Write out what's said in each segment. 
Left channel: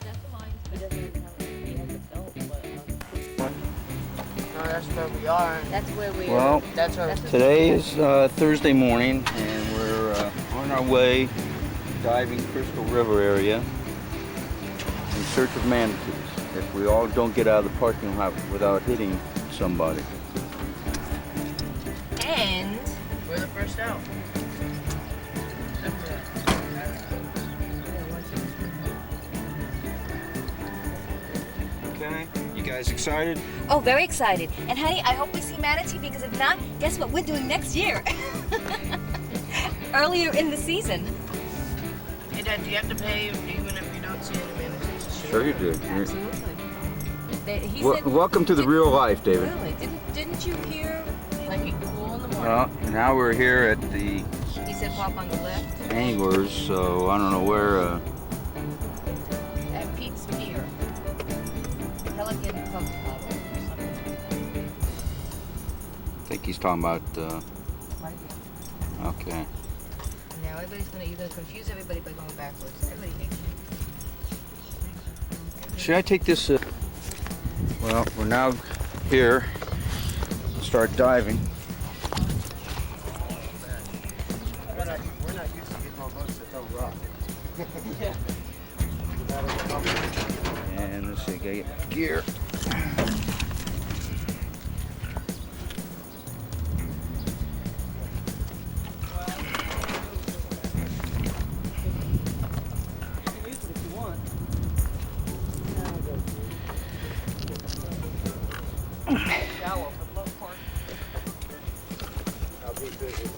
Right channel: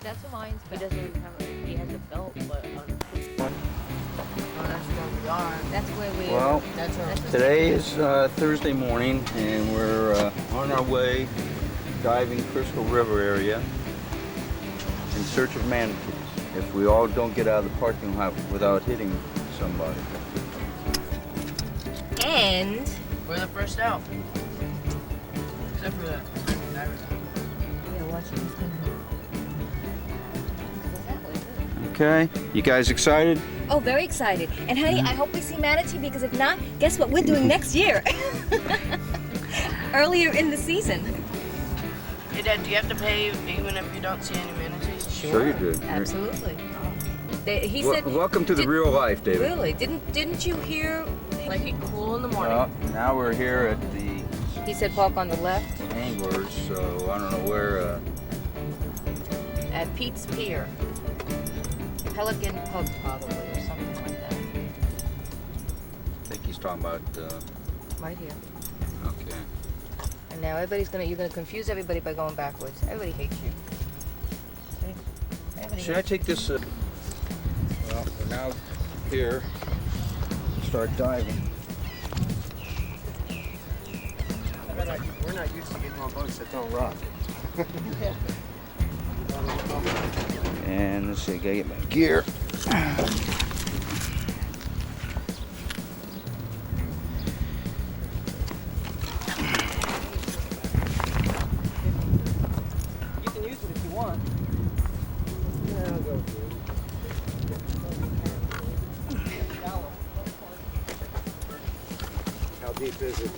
That's the mine's. He doesn't even have he has a belt, but that's where we. Well, that's today is Thursday morning, and we're on our way diving Crystal River area in search of manatees. If we all don't get out of the parking lot without hitting somebody. And we're the first out. Except for that. Okay, you guys excited? oh, very excited. And honey, I hope we see manatee because if not, guess what we're doing next year? Earlier in the season. Hey Dad, do you have to pay even if you don't see any manatees? Sure you do. Absolutely. He Well, said, welcome to the real life, David. Really? Didn't you hear? Like a cool in the morning. Well, now we're here at the He said park on the left anglers, so I don't know where. at Pete's Pier. Pelican Club Harbor or something like that. I think he's talking about. Right here. Okay. And now you're gonna confuse everybody by going backwards. Everybody hates me. Should I take this? Well, we're now here to start diving. We're not used to getting on boats that don't rock. And let's see, gotta get my gear. You can use it if you want. How deep is it?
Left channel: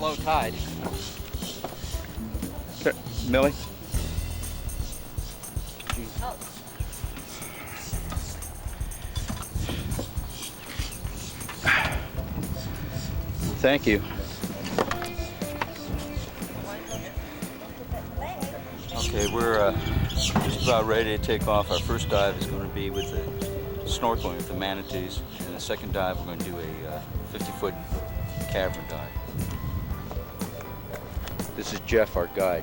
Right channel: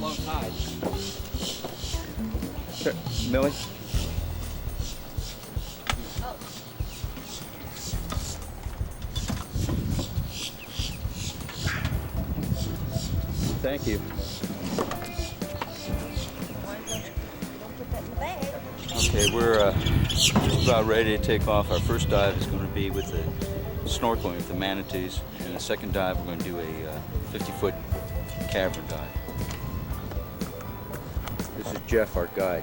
Low tide. Okay, Millie? Thank you. Okay, we're just about ready to take off. Our first dive is going to be with the snorkeling with the manatees, and the second dive we're going to do a 50-foot cavern dive. This is Jeff, our guide.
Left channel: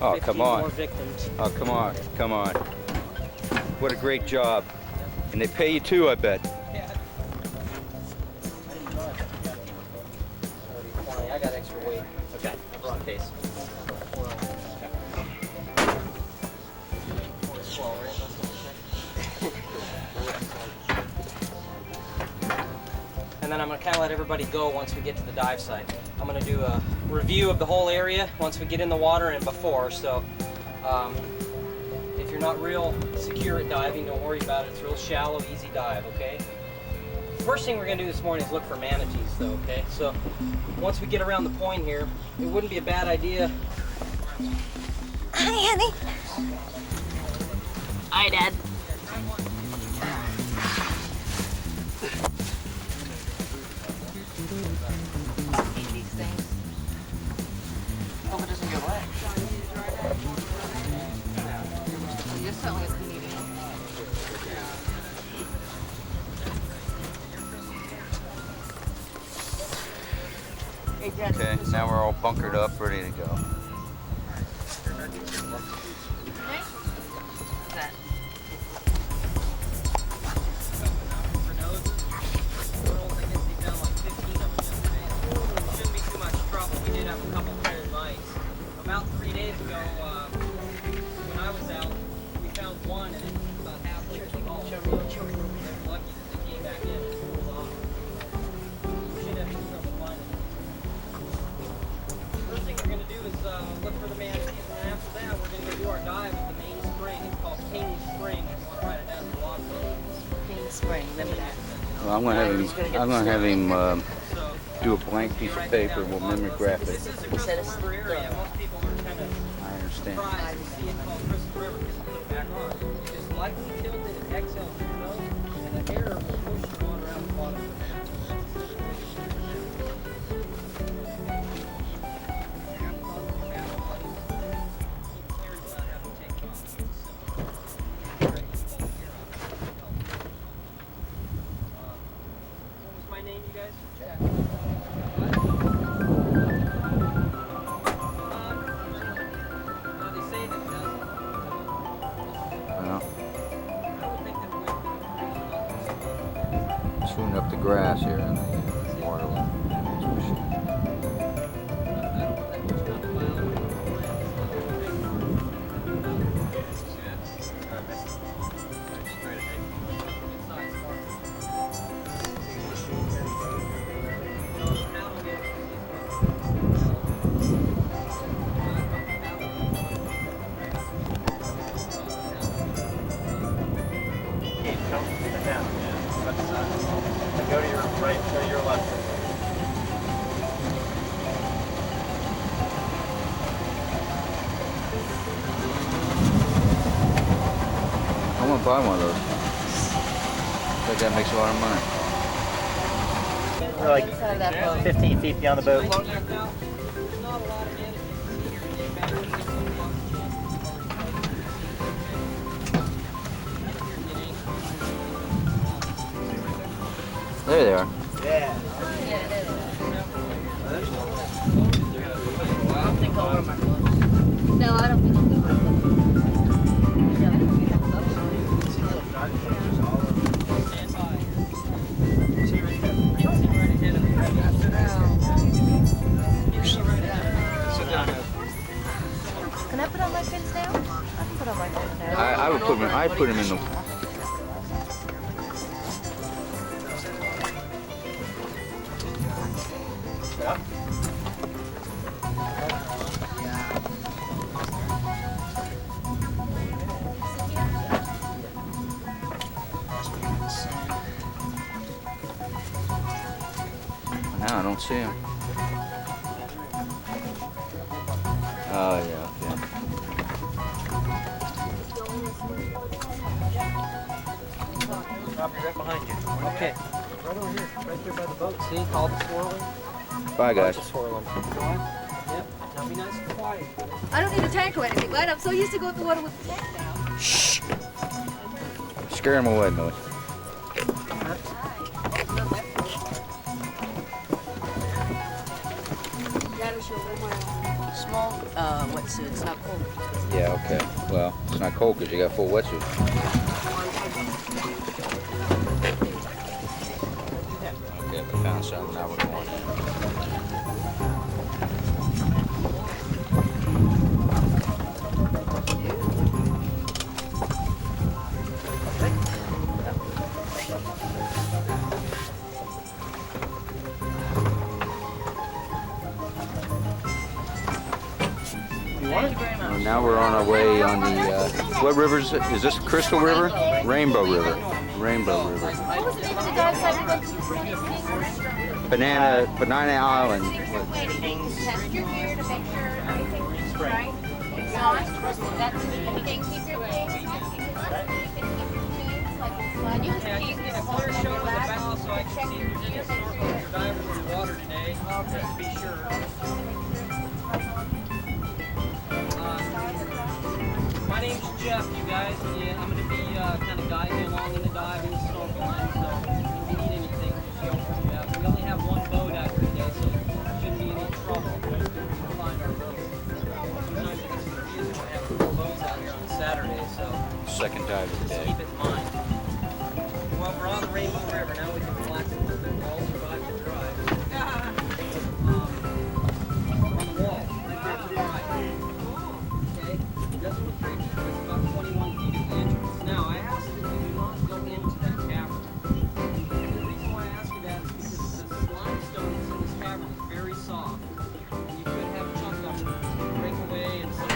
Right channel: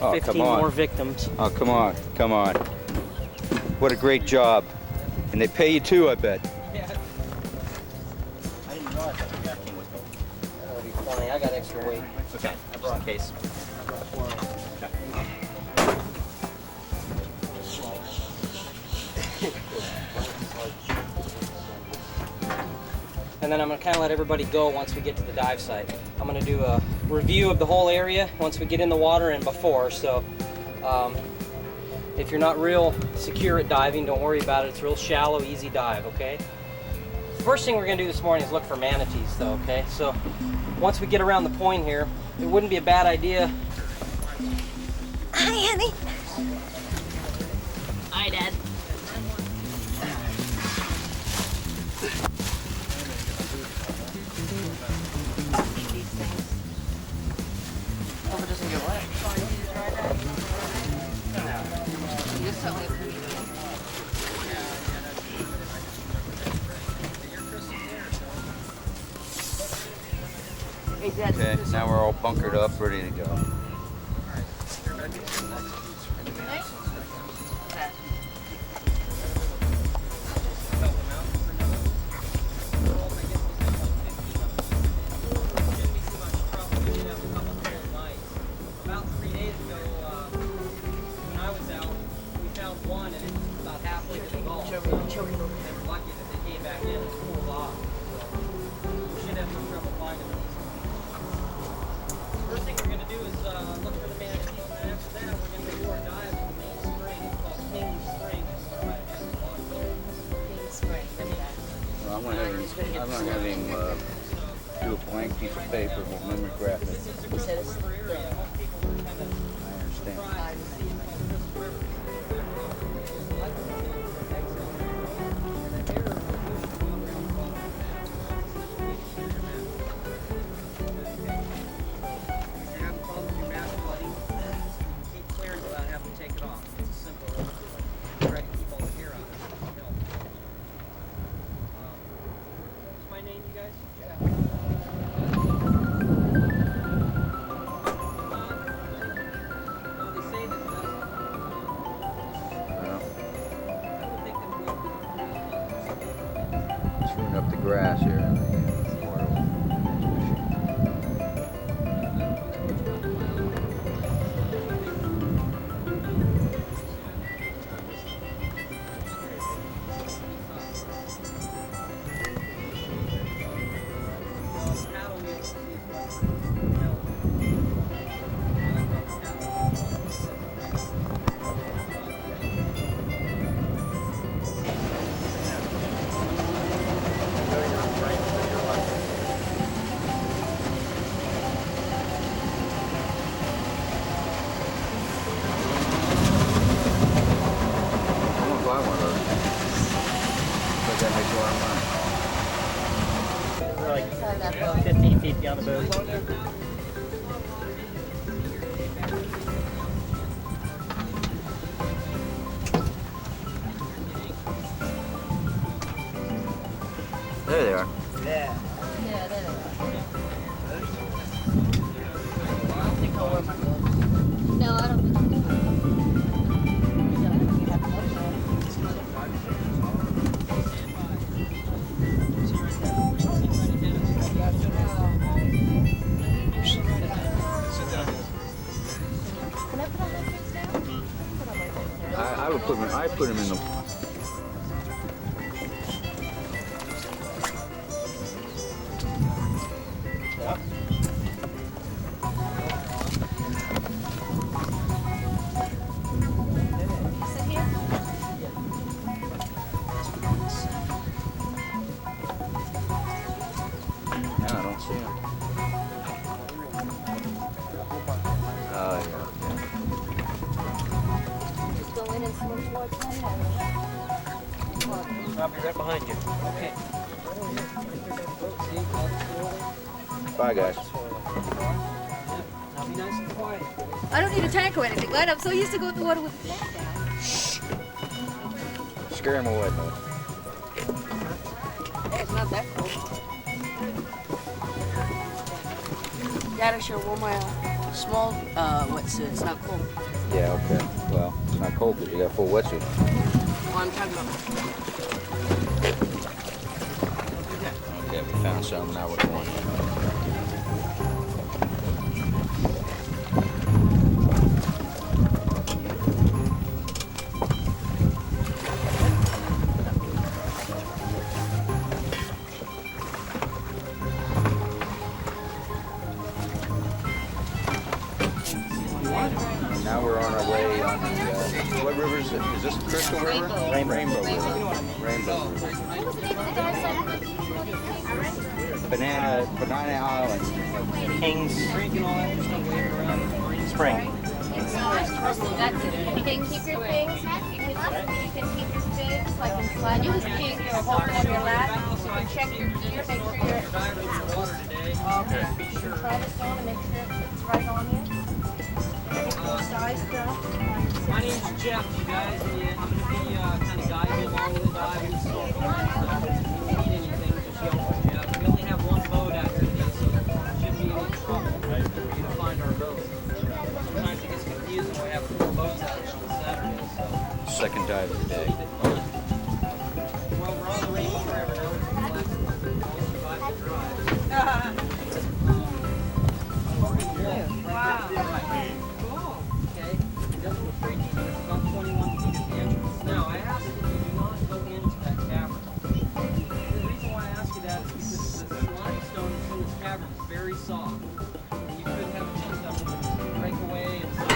Oh, come on. More victims. Oh, come on, come on. What a great job. And they pay you too, I bet. Yeah. I didn't know that. That'll be funny. I got extra weight. Okay. I brought a case. And then I'm going to kind of let everybody go once we get to the dive site. I'm going to do a review of the whole area once we get in the water and before. So if you're not real secure at diving, don't worry about it. It's real shallow, easy dive, okay? First thing we're going to do this morning is look for manatees, though, okay? So once we get around the point here, it wouldn't be a bad idea. Hi, honey. Hi, Dad. These things. Hope it doesn't get wet. You're certainly a comedian. Hey, Dad. Okay, now we're all bunkered up, ready to go. Nice. What's that? About 3 days ago, when I was out, we found one and it was about halfway to the Gulf. They were lucky that they came back in and pulled off. We should have any trouble finding them. First thing we're going to do is look for the manatees, and then after that we're going to do our dive at the main spring. It's called King Spring. If you want to write it down in the log book. King Spring. Let me ask. Well, I'm gonna have him do a blank piece of paper. We'll mimeograph it. This is a real poor area. Most people are kind of I understand. surprised to see it called Crystal River. It's lightly tilted, it's excellent control, and the air will push going around the bottom of the map. That's the way to steer your map. Well, chewing up the grass here in the waterway. I'm gonna buy one of those. I think that makes a lot of money. We're like Inside of that boat. 15 feet beyond the boat. There they are. Yeah. Yeah, there they are. I don't think I'll wear my gloves. No, I don't think I'll wear my gloves. Yeah, I think we have gloves. Can I put on my fins now? I can put on my fins now. I would put them. I put them in the. Sit here? No, I don't see them. Oh yeah. I'll be right behind you. Okay. Right over here. Right there by the boat. See, all the swirling. Bye guys. Swirling. Yep. Now be nice and quiet. I don't need a tank or anything, right? I'm so used to going to the water with the tank down. Scare them away, Mo. Oh, it's not that cool. Gotta show one my small wetsuit. It's not cold. Yeah. Okay. Well, it's not cold because you got full wetsuit. Well, I'm talking about. Okay, we found some. Now we're going in. And now we're on our way on the, what river is it? Is this Crystal River? Rainbow River. Rainbow River. Banana Island. Kings Spring. That's it. You can keep your things. You can keep your things like in flat. You just keep your water on your lap. Check your gear. Make sure you're diving in the water today. okay. Be sure. Try to stone and make sure it's right on you. Size drop. My name's Jeff, you guys. Yeah, I'm going to be kind of guiding you along in the dive and snorkeling. So if you need anything, just yell for Jeff. We only have one boat out here today, so there shouldn't be any trouble for you to find our boat. Sometimes it gets confusing. We have 4 boats out here on Saturday, so Second dive of the just day. keep it in mind. Well, we're on the Rainbow River now. We can relax a little bit. We'll all survive the drive. About 21 feet at the entrance. Now, I ask that you do not go into that cavern. The reason why I ask you that is because the limestone in this cavern is very soft. And you could have jumped up and break away and stuff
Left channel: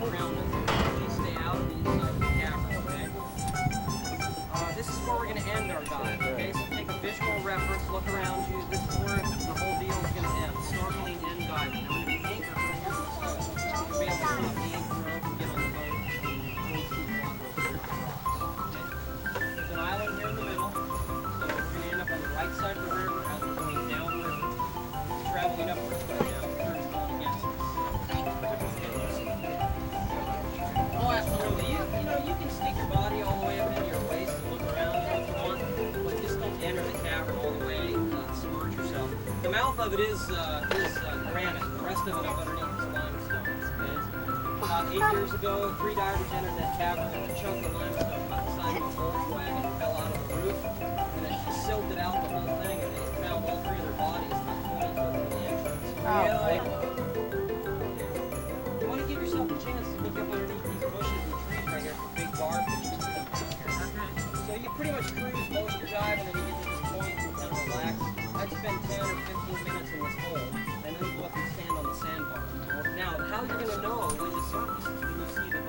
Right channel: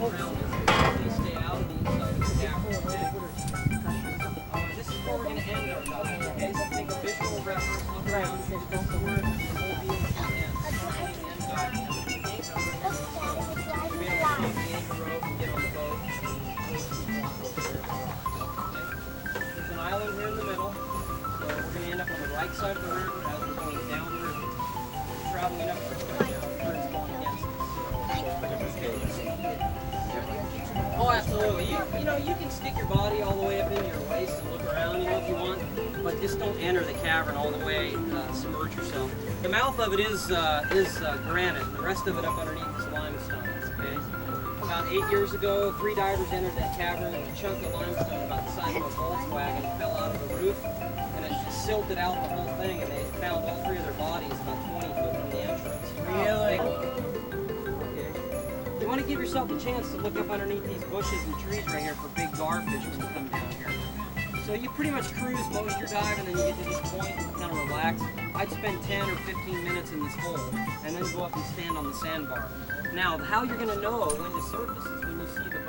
around it. Just stay out of the inside of the cavern, okay? This is where we're going to end our dive, okay? So take a visual reference, look around you. This is where the whole deal is going to end. Snorkeling and diving. We're going to take the anchor rope and get on the boat. There's an island here in the middle, so we're going to end up on the right side of the river as we're going down the river. We're traveling up this way now, the current's going against us. Oh, absolutely. You know, you can stick your body all the way up into your waist and look around, you know, if you want, but just don't enter the cavern all the way. submerge yourself. The mouth of it is granite. The rest of it up underneath is limestone. Okay. About 8 years ago, 3 divers entered that cavern, and a chunk of limestone about the size of a Volkswagen fell out of the roof, and it just silted out the whole thing, and they found all 3 of their bodies about 20 foot in the entrance. Really? You want to give yourself a chance to look up underneath these bushes and trees right here for big garfish that's coming up here. So you pretty much cruise most of your dive, and then you get to this point and kind of relax. I'd spend 10 or 15 minutes in this hole, and then go up and stand on the sandbar. Now, how you're going to know when the surface is when you see the